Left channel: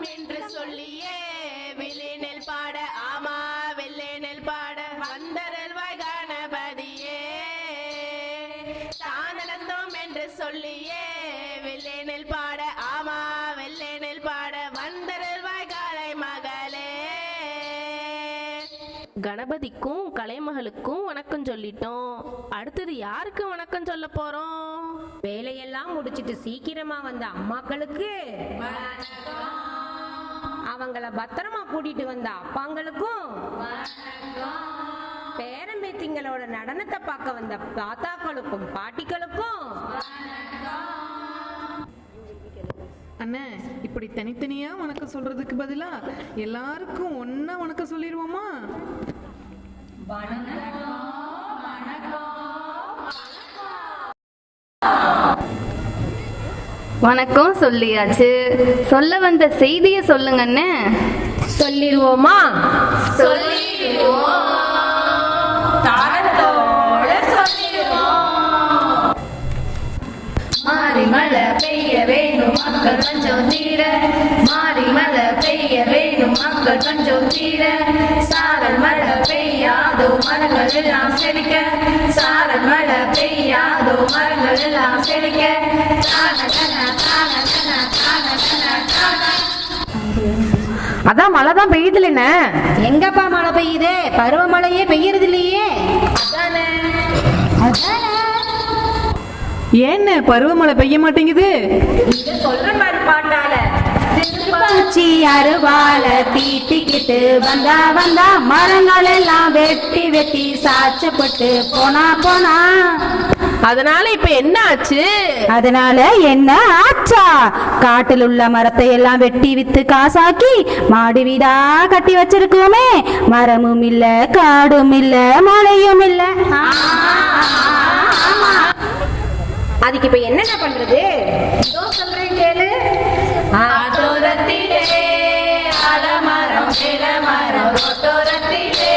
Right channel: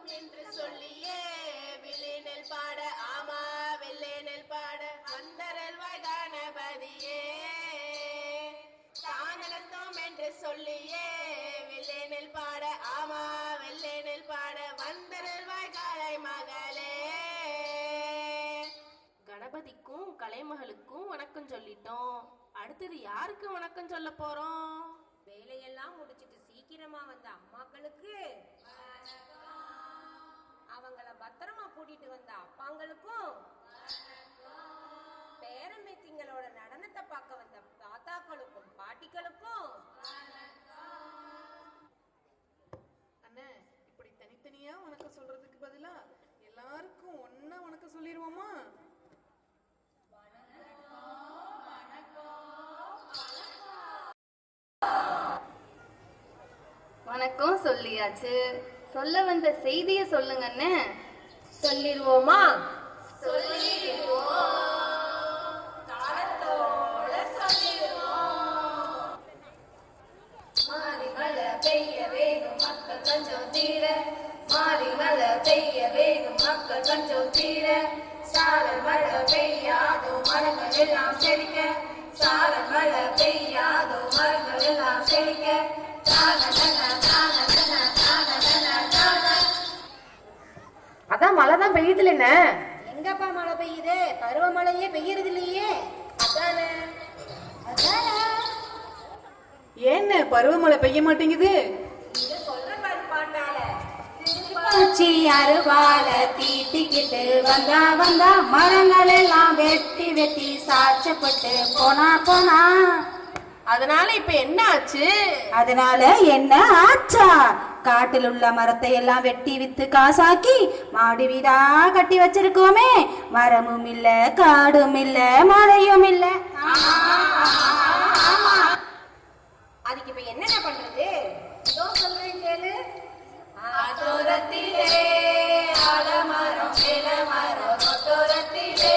வளர்த்தோம் என்று சொல்லியே வில்லினில் பாட ஆமா வில்லினில் பாட வந்தருள்வாய் கணபதியே தான் வளர்த்தோம் என்று சொல்லியே வில்லினில் பாட ஆமா வில்லினில் பாட வந்தருள்வாய் கலை மகளே. கணபதிக்கும் கலைமகளுக்கும் வணக்கம் சொல்லிட்டோம். அடுத்தது யாருக்கு வணக்கம் சொல்ல போறோம்? வேலையெல்லாம் முடிச்சிட்டு சீக்கிரமா வந்த அம்மாக்களுக்கு, அவங்கள பத்திரமா கூட்டிட்டு வந்த அப்பாங்களுக்கும், பேரம்பேத்திங்களோட நடனத்தை பார்க்க வந்த தாத்தாக்களுக்கும் பாட்டிகளுக்கும். அண்ணே, இப்படி தனித்தனியா வணக்கம் சொல்றதுக்கு பதிலா எல்லாருக்கும் ஒன்னா வணக்கம் சொல்லிடுவோமா? வணக்கம் சொல்லியாச்சு. சொல்ல வந்த செய்தியை சொல்லுங்கன்னு. சொல்லிடுவோமா? மாறி மழை பெய்ய வேணும் மக்கள் கொஞ்சம் தீர, மாறி மழை பெய்ய வேணும் மக்கள் கொஞ்சம் தீர, சாரல் மழை பெய்யாதோ மரங்கள் எல்லாம் செழிக்க, சாரல் மழை பெய்யாதோ மரங்கள் எல்லாம் செழிக்க. அதான் மழைதான் பெய்யுதுல்ல. எங்கப்பா மழை பெய்யுது? பருவமழையே பெய்யறது இல்லையே. ஏன்னு பருவமழை பெய்ய மாட்டேங்குது? சொல்ற மாதிரி பாட்டால பஞ்சி அருவால தீட்டிக்கிட்டு வந்தா வந்தா மரங்கள் எல்லாம் வெட்டி வெட்டி சாச்சப்பட்டு போனா போனா. அதனால இப்ப என்ன ஆச்சு? அதனால என்ன ஆச்சா? காட்டில் உள்ள மரத்தை எல்லாம் வெட்டி வித்து காசாக்கி மாடி வீடா கட்டி வச்சிருக்கோமே. மரமும் இல்ல, காடும் இல்ல, மழையும் இல்ல. அதுக்கு இப்ப என்னென்ன பண்றது? சொல்றேன் கேளு. ஆத்தோரத்திலே ஆலமரம் இளமரம், ரொட்டோரத்திலே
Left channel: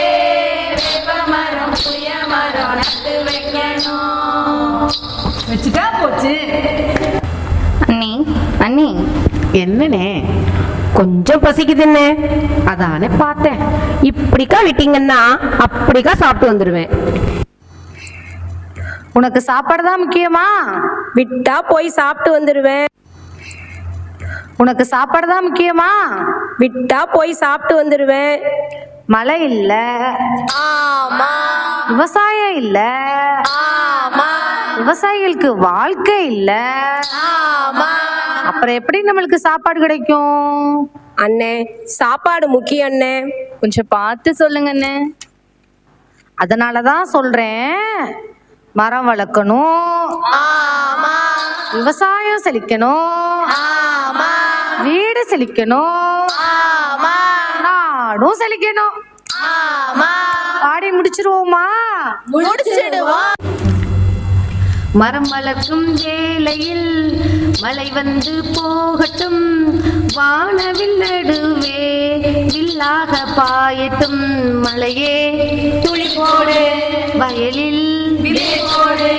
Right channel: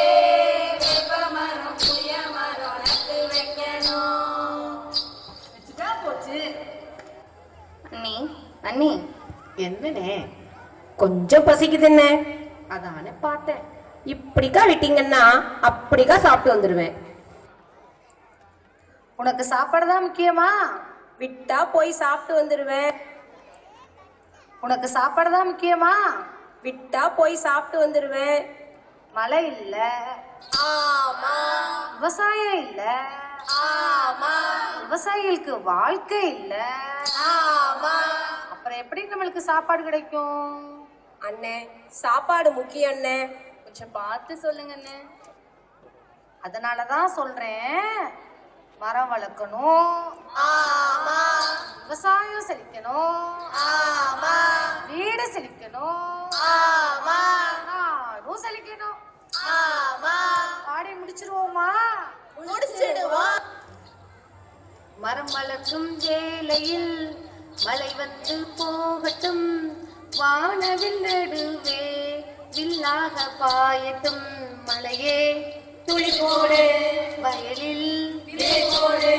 வேப்பமரம் புளியமரம் நட்டு வைக்கணும். வச்சுட்டா போச்சு. அண்ணி அண்ணி, என்னனே? கொஞ்சம் பசிக்குதுன்னு அதானே பார்த்தேன். இப்படிக்கா விட்டீங்கன்னா அப்படிக்கா சாப்பிட்டு வந்துருவேன். உனக்கு சாப்பாடு தான் முக்கியமா? விட்டா போய் சாப்பிட்டு வந்துருவேன். உனக்கு சாப்பாடு தான் முக்கியமா? விட்டா போய் சாப்பிட்டு வந்துருவேன். மழை இல்ல, ஆமா விவசாயம் இல்ல, ஆமா விவசாயிகளுக்கு வாழ்க்கை இல்ல, ஆமா. அப்புறம் எப்படி நம்மளுக்கு சாப்பாடு கிடைக்கும்? அண்ணே, சாப்பாடு முக்கியம் அண்ணே. கொஞ்சம் பார்த்து சொல்லுங்க அண்ணே. அதனாலதான் சொல்றேன், மரம் வளர்க்கணும், ஆமா விவசாயம் செழிக்கணும், ஆமா வீடு செழிக்கணும், ஆமா நாடும் செழிக்கணும். ஆமா. பாடி முடிச்சிருவோமா? முடிச்சிடுவோம். மரம் வளர்க்கும் வேளையில் மழை வந்து போகட்டும், வானவில் நடுவே வில்லாக பாயட்டும். மழையே துளி போடு, வயலில் விதை போடு.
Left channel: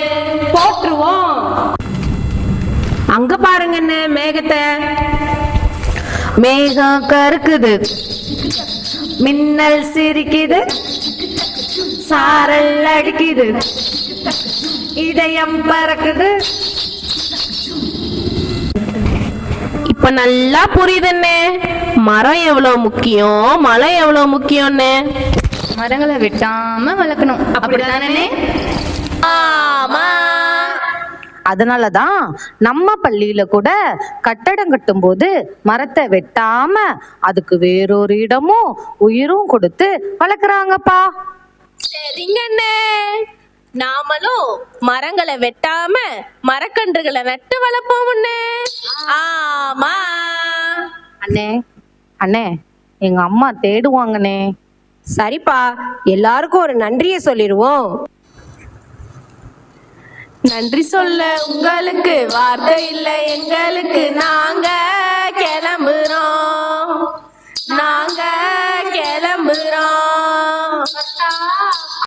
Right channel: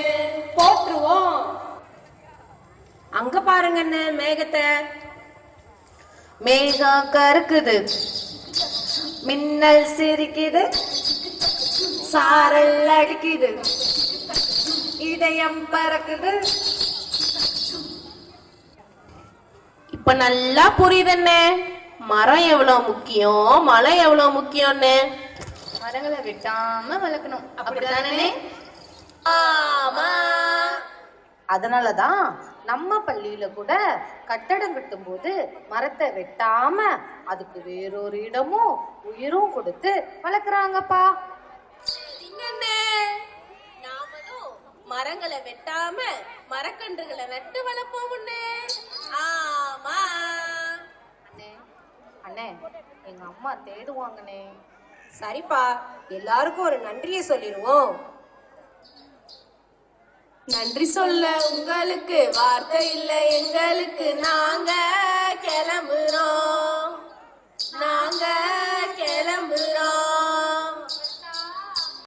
போட்டுருவோம். அங்க பாருங்க அண்ணே மேகத்தை. மேகம் கருக்குது, மின்னல் சிரிக்குது, சாரல் அடிக்குது, இதயம் பறக்குது. இப்ப நல்லா புரியுதுன்னே. மரம் எவ்வளவு முக்கியம், மழை எவ்வளவு முக்கியம்னு. மரங்களை வெட்டாம வளர்க்கணும், அப்படிதானே? ஆமா. அதனாலதான் நம்ம பள்ளியில கூட கட்டடம் கட்டும் போது மரத்தை வெட்டாம அதுக்கு வேறொரு இடமும் உயிரும் கொடுத்து வளர்க்குறாங்கப்பா. சரிங்க அண்ணே. நாமளும் மரங்களை வெட்டாம மரக்கன்றுகளை நட்டு வளர்ப்போம்னே. ஆமா. அண்ணே அண்ணே, எங்க அம்மா தேடுவாங்கண்ணே. சரிப்பா, எல்லாருக்கும் ஒரு நன்றியை சொல்லிடுவோம். நன்றி சொல்ல உங்களுக்கு வார்த்தை இல்லை எங்களுக்கு. நாங்க